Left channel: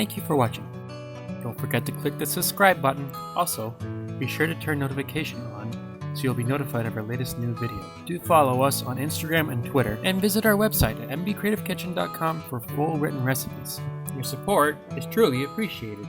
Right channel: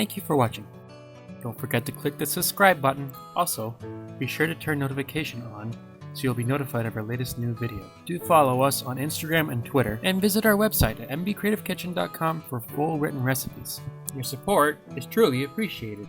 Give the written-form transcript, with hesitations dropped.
Thank you for watching. Don't forget to click the subscribe button. Also, be sure to turn notification on so you'll be notified of our latest new video. Do follow us on Instagram and Twitter, and visit our website at mbcreativekitchen.com for full written recipes. Your support is truly appreciated.